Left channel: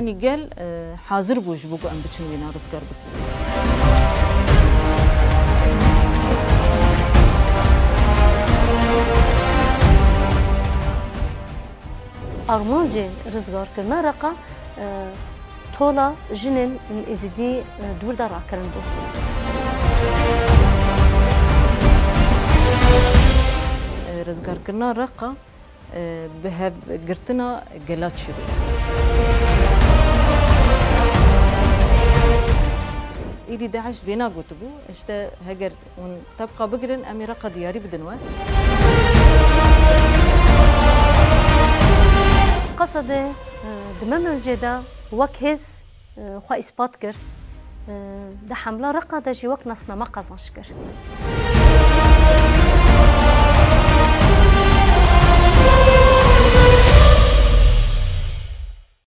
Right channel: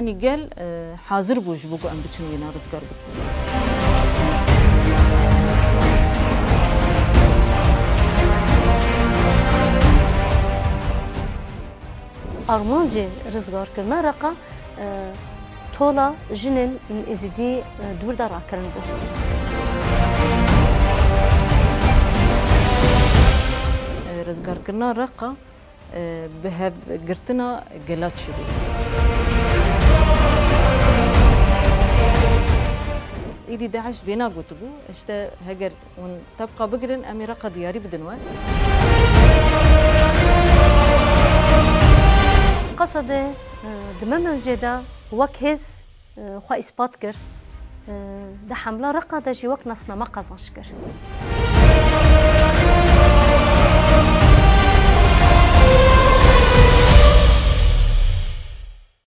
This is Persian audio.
يعني قال حاضر بوش بوكو أم بتشن وينا رزقار بك أرمانجي رزقار كرنا رقا طولا جنن إزدي دور دار عكرن بو رزقار كرنا رقا بهاب قرتنا قلات شبي إيدي داعش دينا قوتبو اشتا هجر ون تبقى بقرن أمي رقا دياري بدنوا قصد دمم الجدا وكهز خوا إثبات كر ده حملة رقا ده جي وك نصنا ما قزنش كر